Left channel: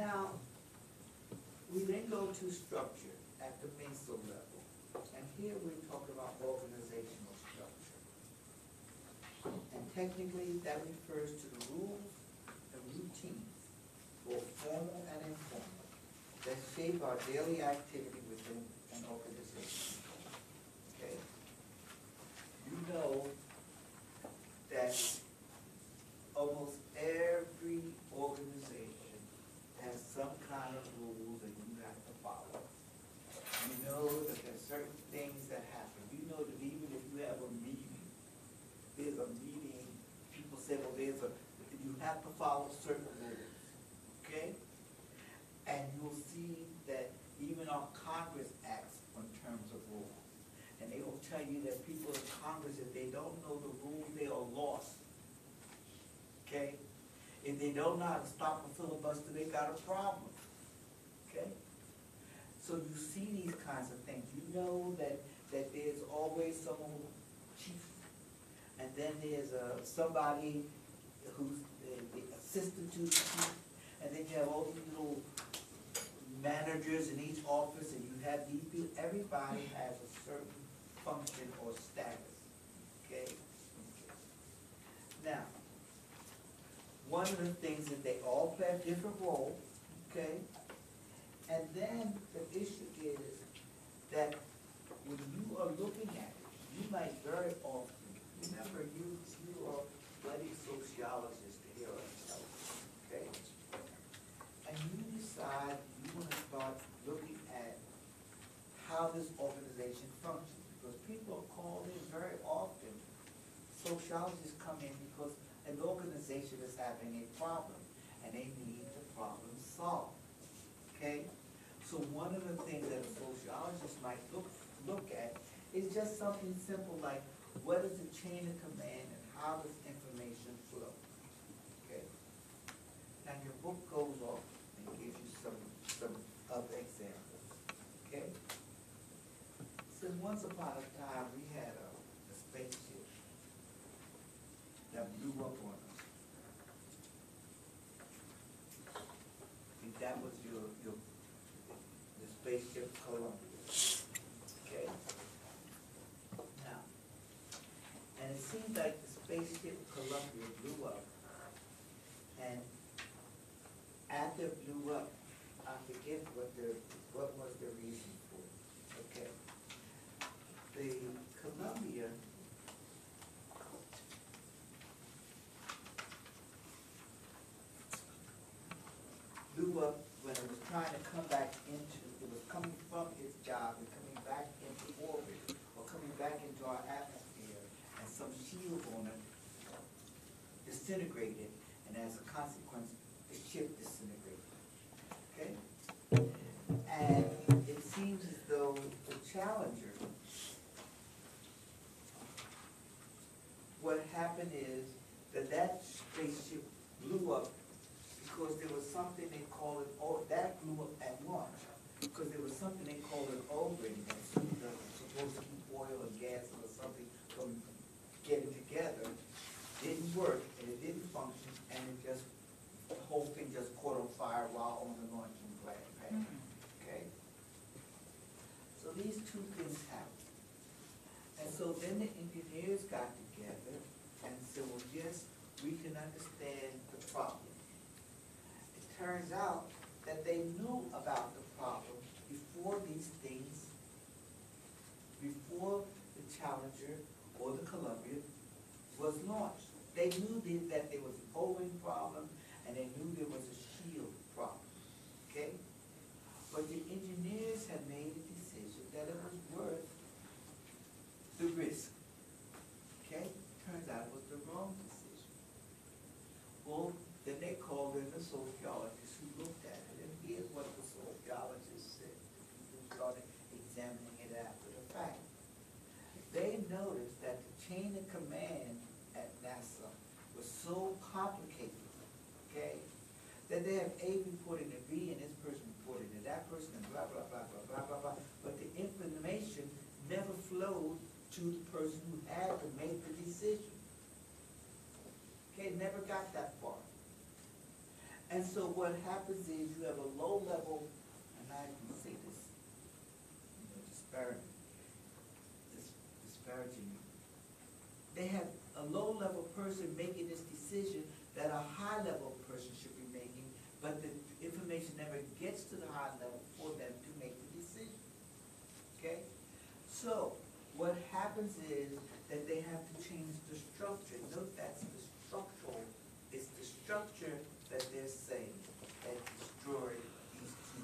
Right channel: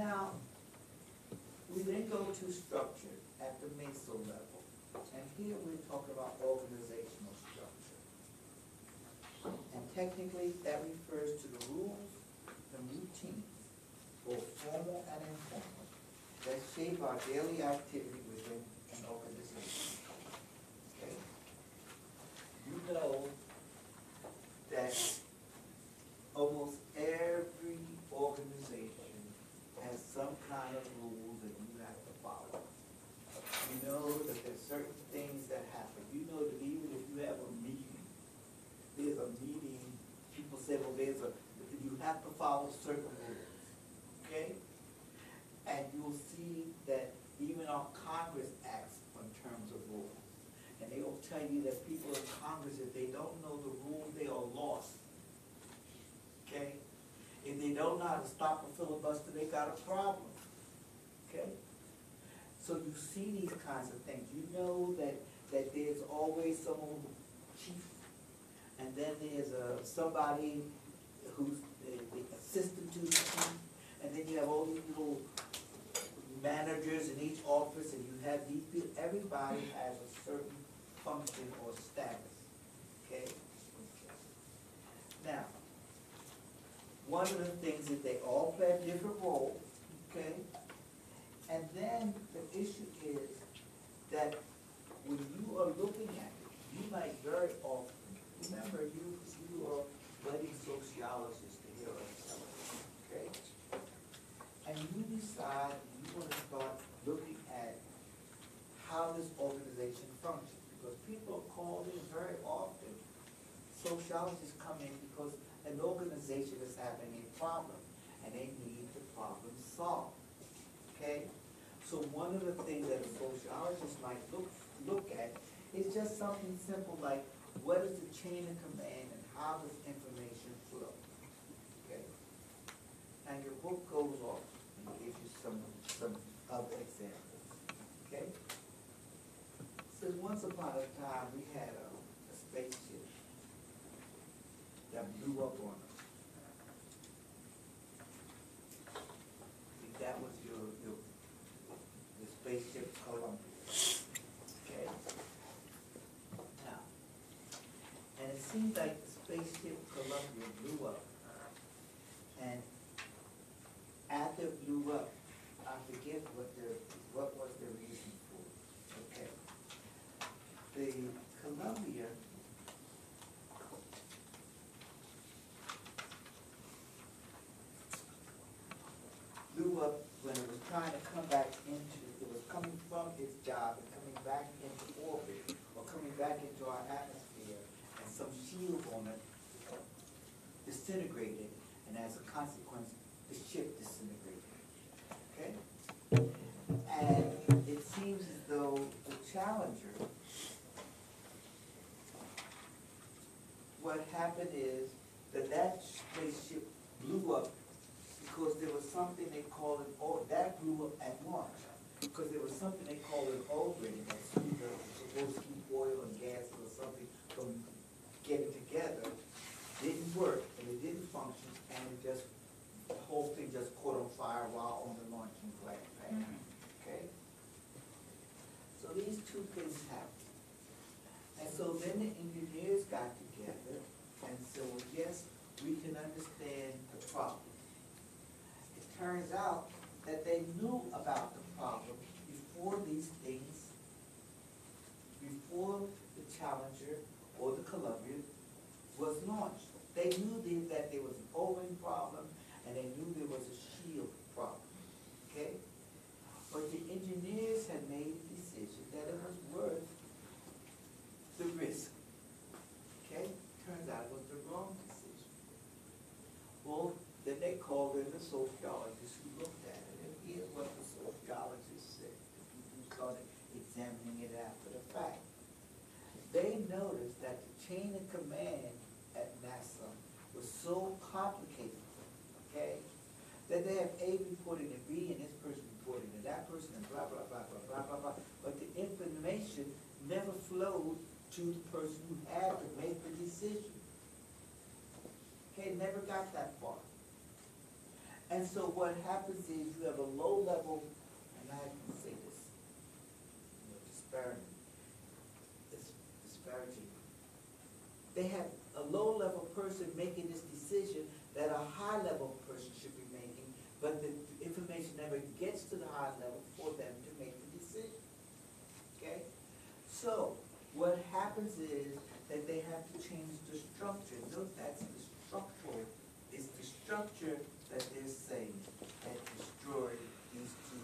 Now, we then go to structure at the meso level. And here we're talking about organizational structure. And technically, that refers to the rules and routines, both formal and informal, that shape our daily activity within an organization. Okay? You know that almost every organization has some kind of rules that you have to follow. You know that there's certain things that happen. You know that even if you have a meeting, there's a meeting, people say, well, you have to follow certain rules. Okay? And you'll see that even our Congress acts in terms of rules. And they will tell you that people in Congress, if they don't know the rules, they are lost. Okay? If they don't know how to stop a filibuster, they got a problem. Okay? So you see these kinds of things. You know that there's always some chief, and then there's somebody who's the assistant to the chief, and then you have all these little managers in each office, and you have these people. Everybody has a certain function or status. Okay? Now, one of the things is they all play a different role. Okay? And then the issue is that when you are looking at it, you might very often, remember you are studying sociologists to hear us tell us, okay? And you decide you want to start looking at how this organization functions, because people are called in very often. Sociologists come in because an organization is having a problem, and they need the problem solved. Okay? So one of the things that a sociologist might look at is just something simple like, what is the chain of command and how does information flow? Okay? Now your book goes off and gives you some other examples. Okay? So once upon a time we had a spaceship that blew up on us. If that was the spaceship Columbia. Okay? Now, and it seems like the spaceship Columbia blew up, and after it blew up, I forget what was the reason for it. Okay. The Columbia blew up when it was trying to come back it was coming from its job and coming back into orbit or coming back into our atmosphere, and some shield on it disintegrated, and as a consequence, the ship disintegrated. Okay? And it seems as though the Challenger, what happened is that spaceship blew up because there was something they call it, that blew up at launch, because there was something they call an O-ring that seemed to supposed to keep oil and gas or something from getting together. Didn't work, and it didn't function, and the whole thing just caught on fire while on the launching pad. Okay? So these two things happened. And so then the engineers got together and said, well, yes, we can understand the problem. It turns out that they knew about the problem before these things, before the Challenger or the Columbia was launched. They knew that there was an O-ring problem, and they knew there was a shield problem. Okay? But the engineers had made a decision that it was worth the risk. Okay? Turns out it was the wrong decision. Well, then they called in the sociologists who looked at it, and here's what the sociologists said. The people who started examining it after the fact. They noticed that the chain of command at NASA was so complicated, okay, that they have A reporting to B, and this person reporting to that person, and blah, blah, blah, blah, blah, blah, blah. But the information never flowed to the person who had to make the decision. They never got that far. And so what happens is you have a low level, and I can say this, disparaging. They have a low level person making this decision that a high level person should be making, but the information never gets to the high level for them to make the decision. Okay? So, what happens is that they have to change the structure. Note that's the structural. It's the structure that they're saying that destroyed these two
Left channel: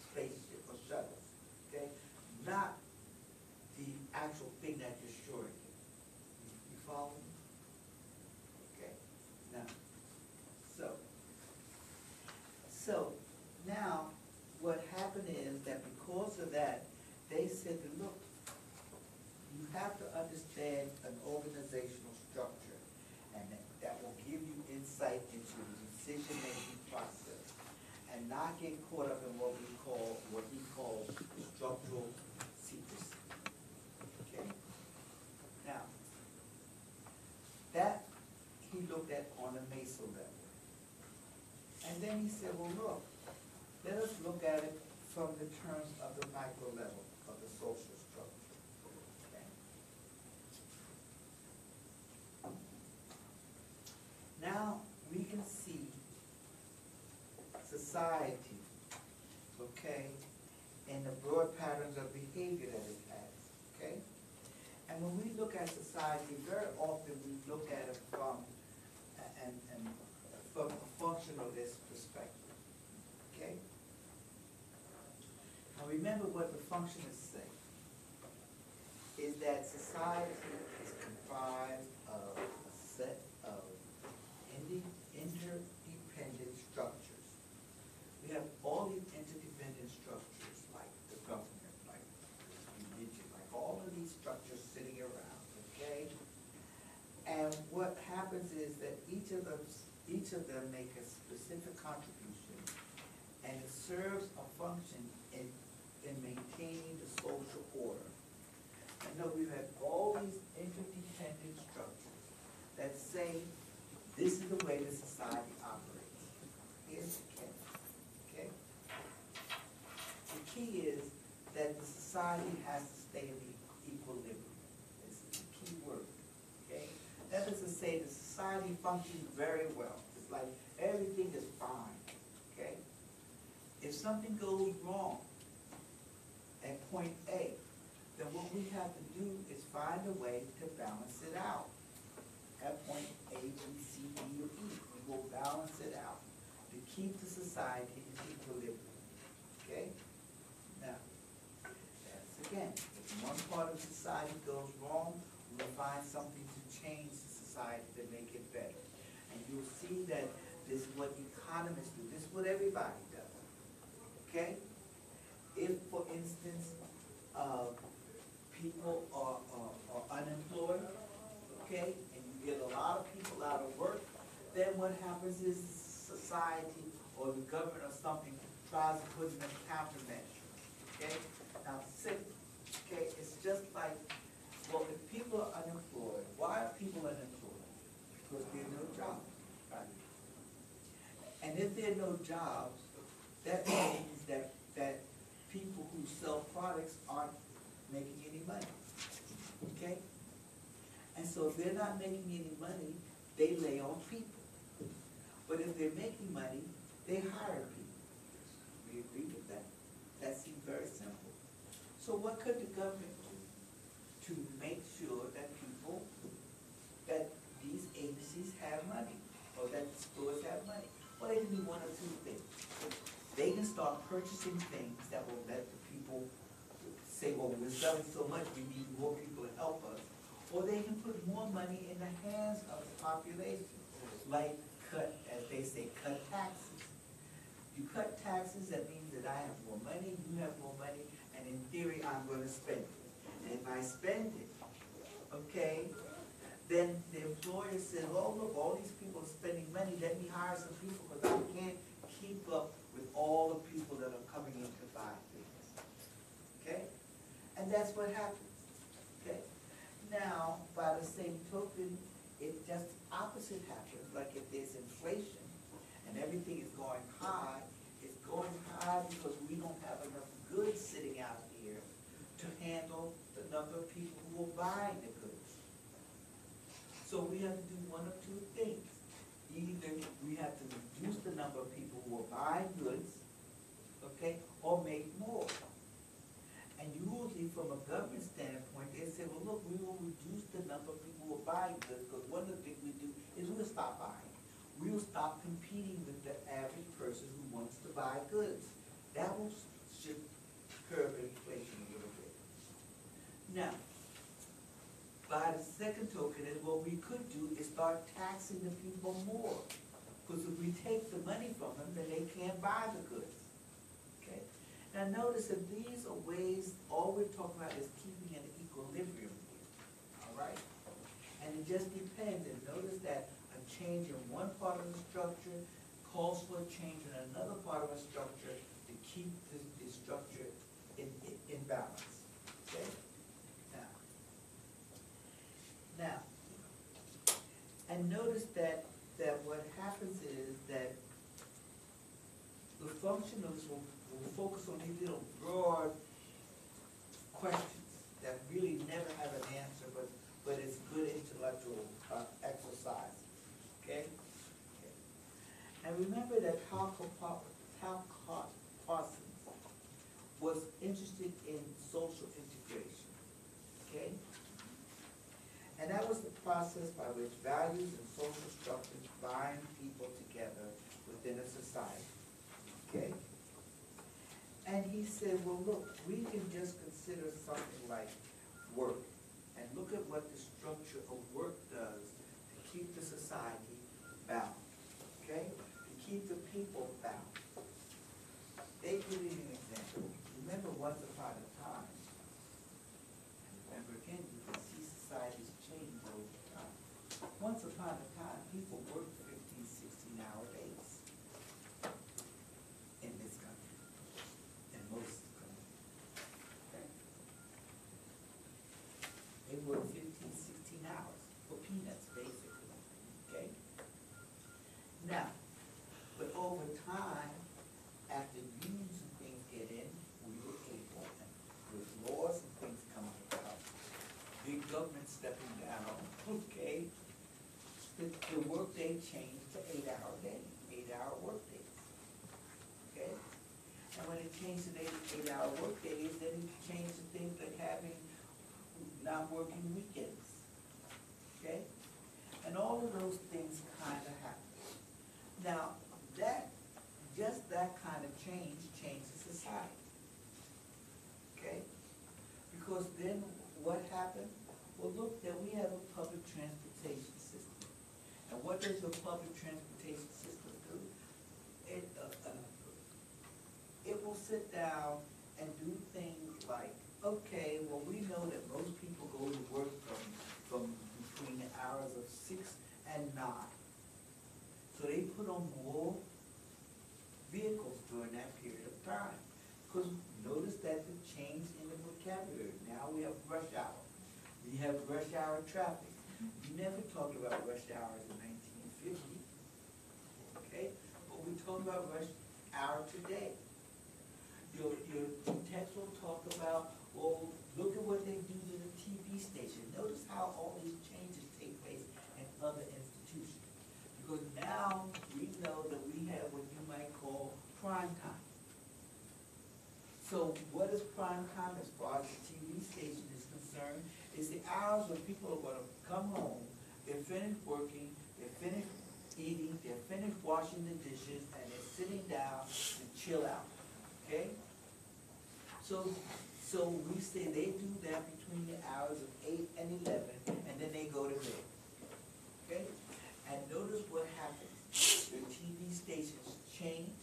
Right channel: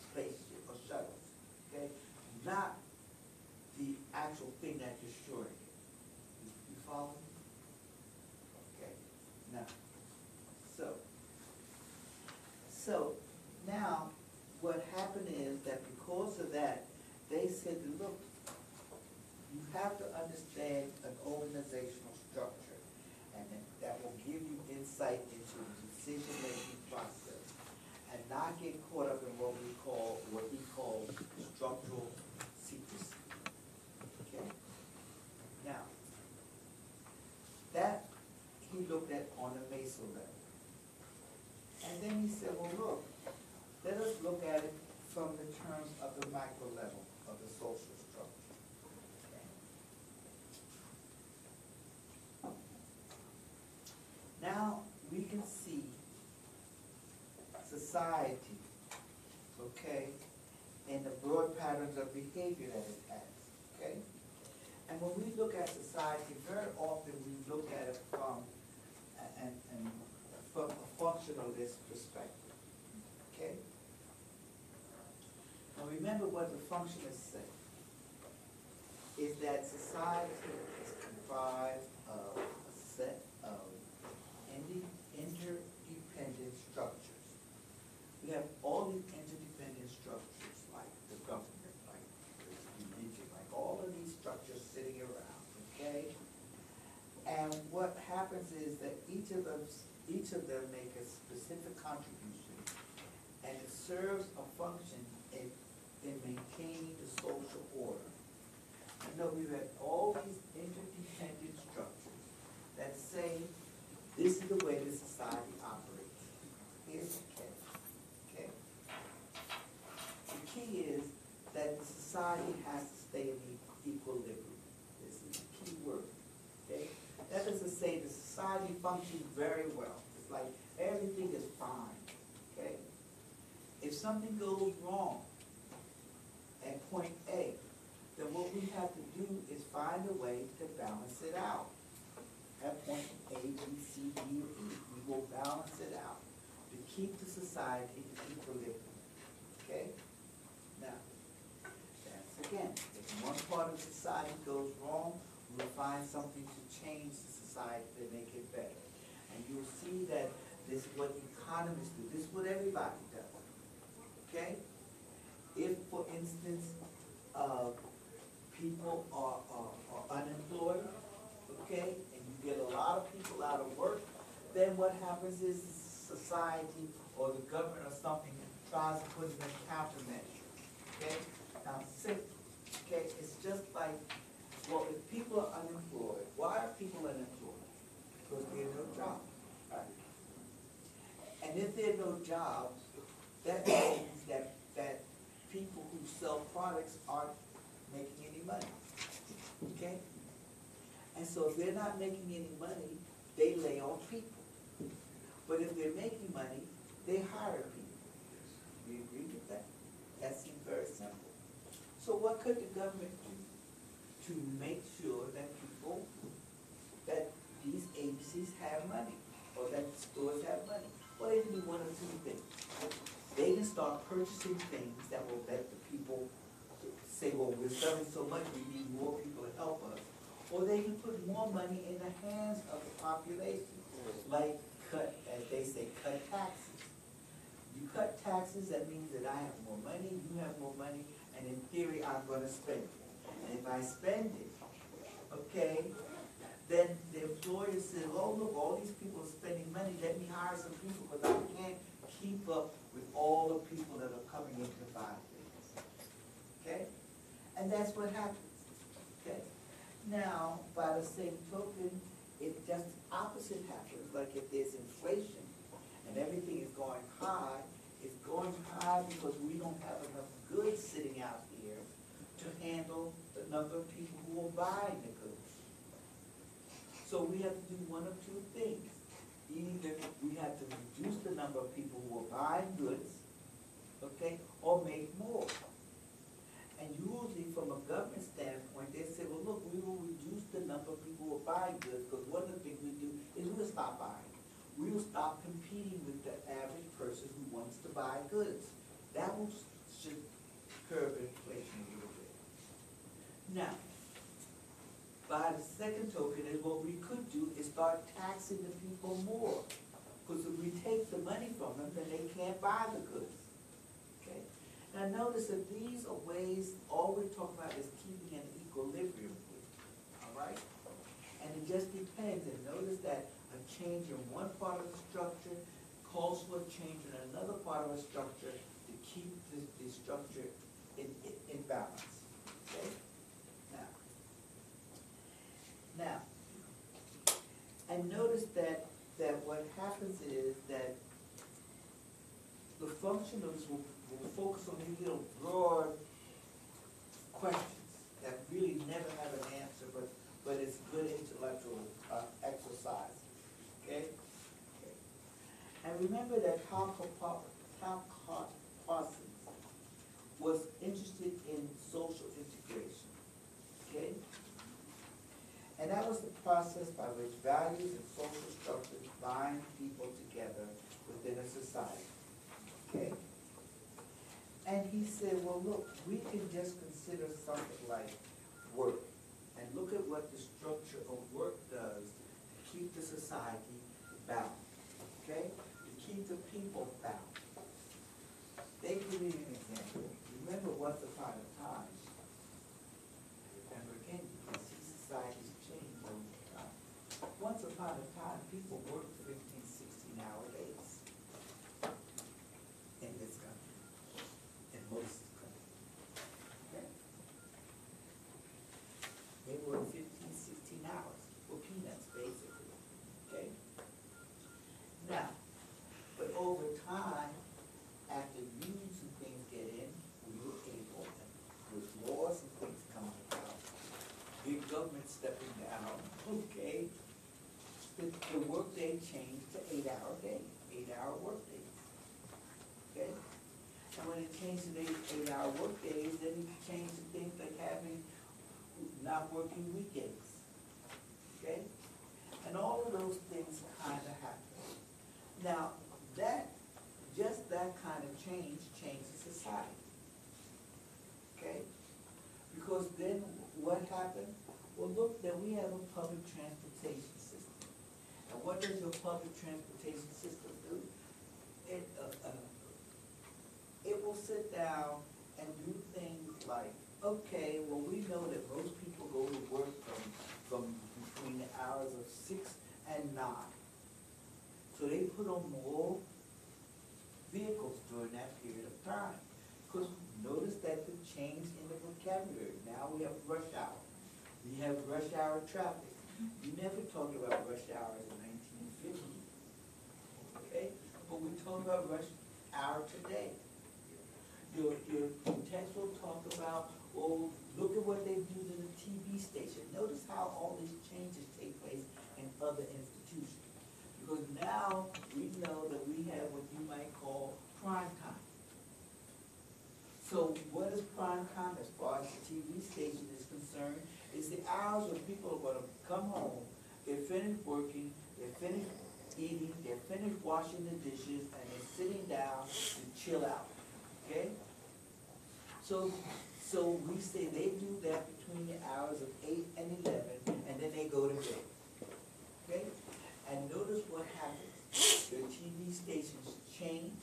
spaceship or shuttles. Okay? Not the actual thing that destroyed it. You follow me? Okay. Now, so now what happened is that because of that, they said, look, you have to understand an organizational structure, and that will give you insight into the decision-making process, and not get caught up in what we call structural secrecy. Okay? Now, that he looked at on a meso level. And then he said, well, look, let us look at it from the terms of the micro level of the social structure. Okay? Now we can see society, okay, and the broad patterns of behavior that it has, okay? And when we look at society, very often we look at it from a functionalist perspective, okay? Now remember what the functionists say, is that society is comprised of a set of interdependent structures. We have all these interdependent structures, like the government, like the religion, like all of these structures sitting around, okay? And what happens is that each of them make a specific contribution, and it serves a function in maintaining the social order. And note we have all these interdependent structures that say this is the way the society operates. Here's the thing, okay? The key is that the society has to stay in equilibrium. This is the key word, okay? That is to say the society functions very well. It's like everything is fine, okay? If something goes wrong at point A, then what we have to do is find a way to balance it out. At point A, B, C, D, or E, we will balance it out to keep the society in equilibrium. Okay? Now, that's again, if one part of the society goes wrong, we will find something to change the society to make it better. And you'll see that this is what economists do. This is what everybody does. Okay? If, for instance, people are unemployed, okay, and you get a lot of people out of work, then what happens is society or the government or something tries to put in a countermeasure. Okay? Now, okay, it's just like, well, if people are unemployed, why are people unemployed? Because there are no jobs, right? And if there are no jobs, that means that people who sell products aren't making any money. Okay? And so if they're not making any money, they lay off people. But if they're making money, they hire people. We agree with that? That seems very simple. So what could the government do to make sure that that these agencies have money, or that stores have money? Well, they can do one or two things. They can start purchasing things that will let the people say, well, we're selling so much, we need more people to help us. Or they can put more money in the hands of the population, like cut, as they say, cut taxes. You cut taxes, that means that I have more money, you have more money, and in theory, I'm going to spend it. And if I spend it, okay, then the employer says, well, look, all these people are spending money, let me hire some people because I can't keep up with all the people that are coming in to buy things. Okay? And that's what happens. Okay? Now, by the same token, it just the opposite happens. Like if there's inflation, and everything is going high, it's going high because we don't have enough goods sitting out here to handle the number of people who are buying the goods. So we have to do one of two things. Either we have to reduce the number of people who are buying goods, okay, or make more. And usually from a government standpoint, they say, well, look, we will reduce the number of people who are buying goods because one of the things we do is we'll stop buying. We will stop competing with the average person who wants to buy goods. That will should curb inflation a little bit. Now, by the second token, what we could do is start taxing the people more. Because if we take the money from them, then they can't buy the goods. Okay? Now notice that these are ways, all we're talking about is keeping an equilibrium. Alright? And it just depends. And notice that a change in one part of the structure calls for a change in another part of the structure to keep the structure in balance. Okay? Now, and notice that what happens is that the functionalists will focus on these little broad questions that really never have an answer, but it's good intellectual exercise. Okay? And remember that Hal Parsons was interested in social integration. Okay? And that was the process by which values and social structures bind people together within a society. Okay? And he said, well, look, we can just consider something like work. And look at what the structure of work does to keep the society balanced. Okay? To keep the people balanced. They give you an example. Remember, once upon a time, again, you can see societies changing over time. Once upon a time, people worked 15, 16-hour days in this country, in most countries. Okay? They worked 15, 16 hours for peanuts, basically. Okay? Now, but over time, after unions and things get in, we were able, and with laws and things coming about, big government stepping down, okay, the workday changed to 8-hour day, 8-hour workday. Okay? And when it changed to 8-hour workdays, then it changed to things like having not working weekends. Okay? And all of those things kind of happen. Now, just that kind of change changes society. Okay? Because then what happened? Well, look, then we have a public transportation system. And what does your public transportation system do? It will sit down and do things like, okay, well, we know that most people go to work from between the hours of 6 and 9. So they put on more vehicles during that period of time. Because notice that the change in the vocabulary. Now we have rush hour. We have rush hour traffic. You never talked about rush hour in 1950. Okay? But we talk about rush hour today. Your text will talk about, well, look at what they do to the TV station. Notice how all these changes take place in other institutions. Because now we know that we have what you might call prime time. So what is prime time as far as the TV station is concerned? Is the hours when people are going to come home, they're finished working, they're finished eating, they're finished washing the dishes, and they're sitting down to chill out. Okay? So we say they do that between the hours of 8 and 11, and then they go to bed. Okay? And notice what happens. The TV stations change.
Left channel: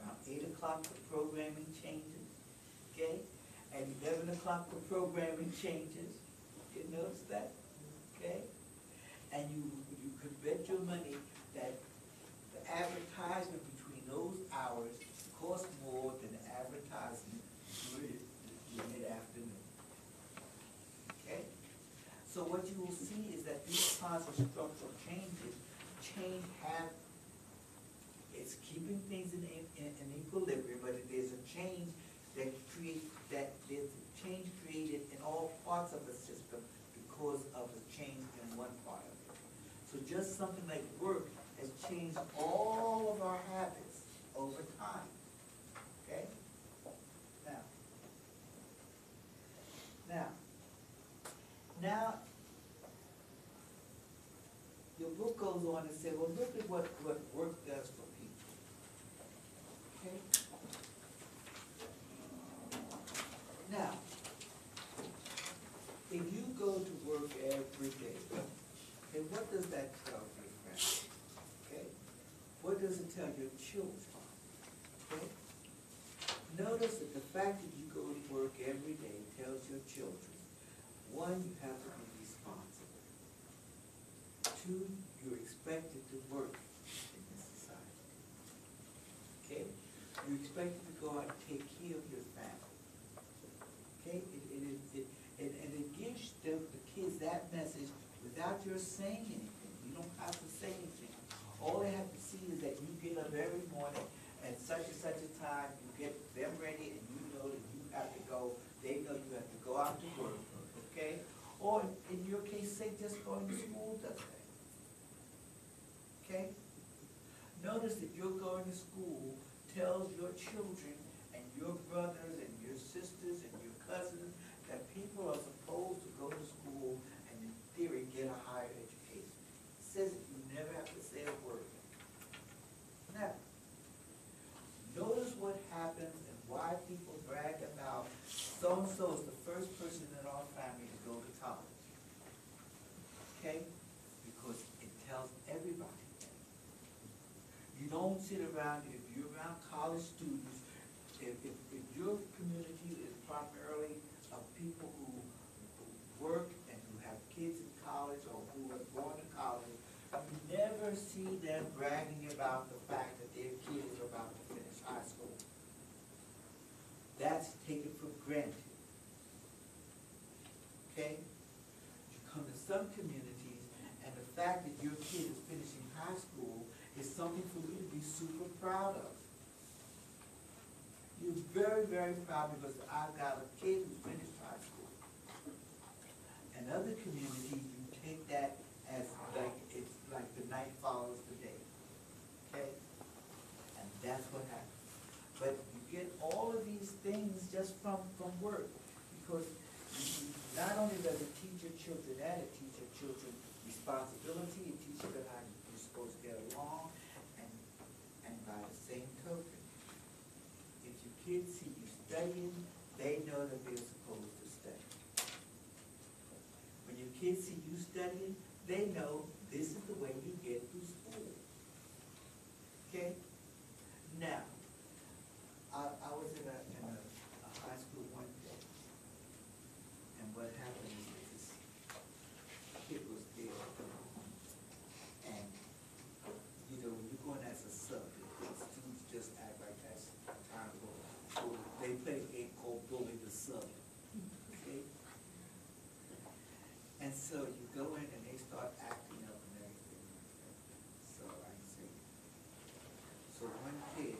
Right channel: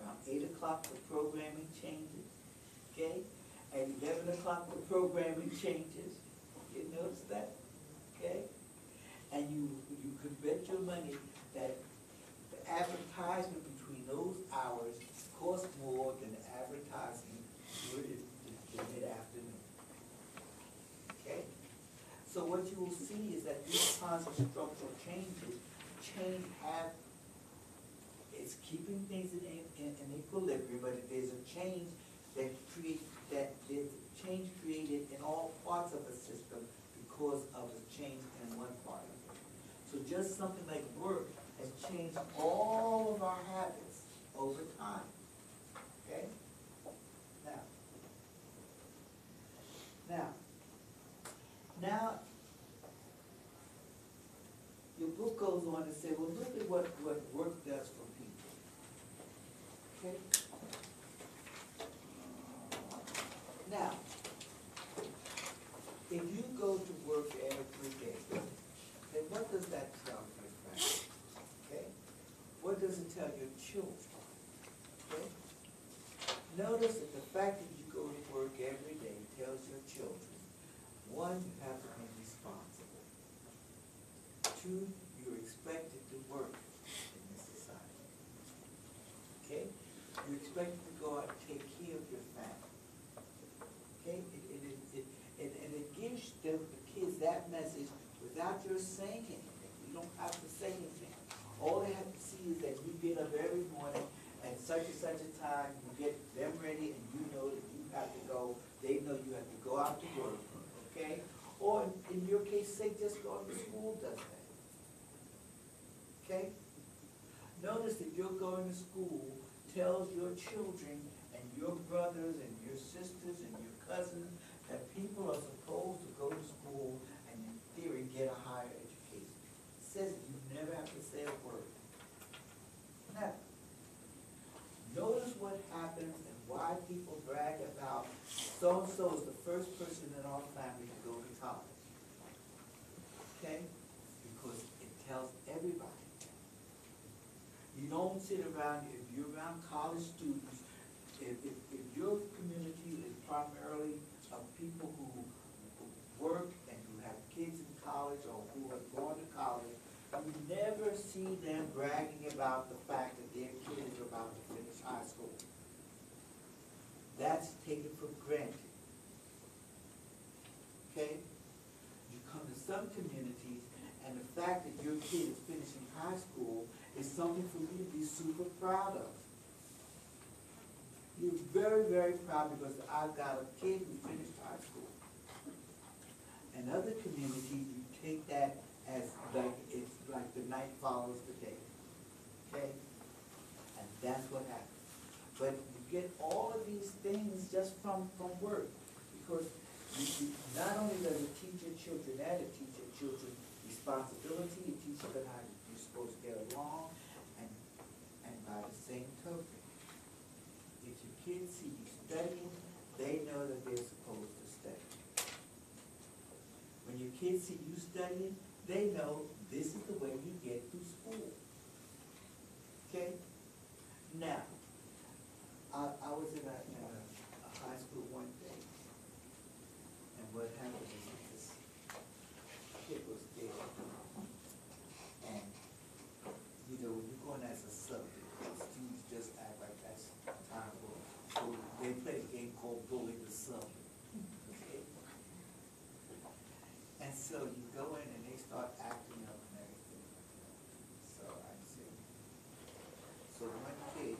Around 8 o'clock, the programming changes. Okay? At 11 o'clock, the programming changes. You notice that? Okay? And you can bet your money that the advertisement between those hours costs more than the advertisement during the mid-afternoon. Okay? So what you will see is that these kinds of structural changes have keeping things in equilibrium, but there's a change there's a change created in all parts of the system because of a change in one part of it. So just something like work has changed all of our habits over time. Okay? Now, your book goes on to say, well, look at what work does for people. Okay? Now, if you go to work every day, okay, what does that tell your family? Okay? What does it tell your children? Okay? Notice that the fact that you go to work every day tells your children, one, you have to be responsible. Two, you're expected to work in this society. Okay? You're expected to go out and take care of your family. Okay? And it gives the kids that message without your saying anything. You don't have to say anything. All they have to see is that you get up every morning at such and such a time, you get them ready, and you know that you have to go. They know you have to go out to work. Okay? Or in your case, say just going to school does that. Okay? Notice that you're going to school tells your children and your brothers and your sisters and your cousins that people are supposed to go to school and in theory get a higher education. It says you never have to say a word. Now, notice what happens and why people brag about so-and-so is the first person in our family to go to college. Okay? Because it tells everybody. You don't sit around, if you're around college students, if your community is primarily of people who work and who have kids in college or who have gone to college, you never see them bragging about the fact that their kid is about to finish high school. That's taken for granted. Okay? You come to some communities, and the fact that your kid is finishing high school is something for you to be super proud of. You're very, very proud because I've got a kid who finished high school. In other communities, you take that as like it's like the night follows the day. Okay? And that's what happens. But you get all of these things just from work. Because not only does it teach your children that, it teaches your children responsibility, it teaches them how you're supposed to get along, and by the same token, if your kids see you studying, they know that they're supposed to study. When your kids see you studying, they know this is the way you get through school. Okay? Now, I was in a high school one day, and what happened is this kid was there, and you know, when you're going as a subject, students just act like that's time to go. So they play a game called Bully the Subject. Okay? And so you go in and they start acting up and everything like that. So I see. So one kid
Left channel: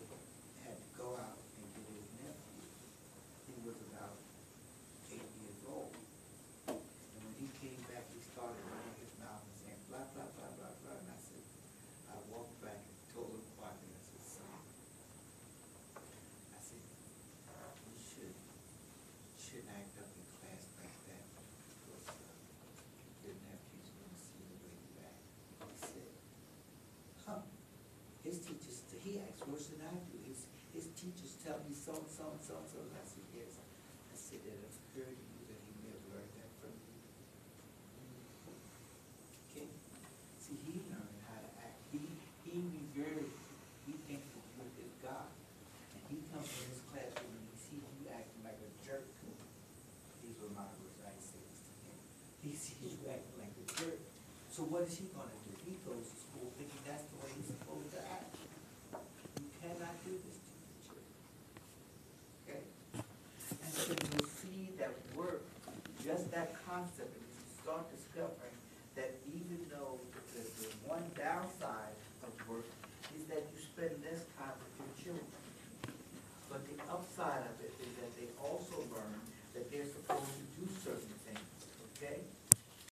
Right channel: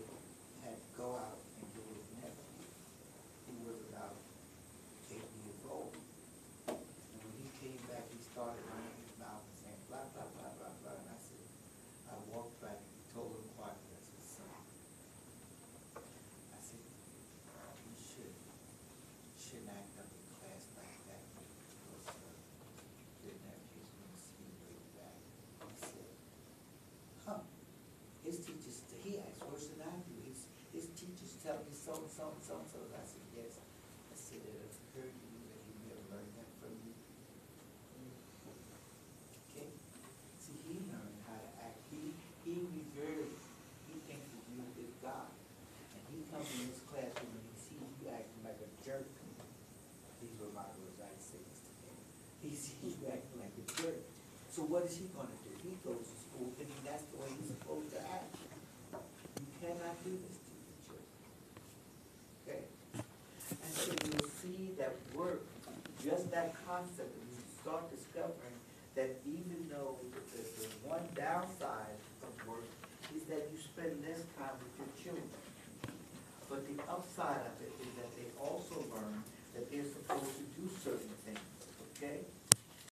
had to go out and get his nephew, who was about 8 years old. And when he came back, he started running his mouth and saying, blah, blah, blah, blah, blah. And I said, I walked back and told him quietly, I said, son, I said, you shouldn't act up in class like that because your nephew's going to see you really bad. He said, his teachers, he asked, what should I do? His teachers tell me so and so and so and so. I said, yes. I said, that's very good that he never learned that from you. Okay? See, he learned how to act. He thinks that you're a good guy. And he comes in his classroom and he sees you acting like a jerk. These were my words, I say this today. He sees you acting like a jerk. So what is he going to do? He goes to school thinking that's the way he's supposed to act. You cannot do this to your children. Okay? And so you'll see that work, just that concept, and you start discovering that even though the one downside of work is that you spend less time with your children. But the upside of it is that they also learn that they're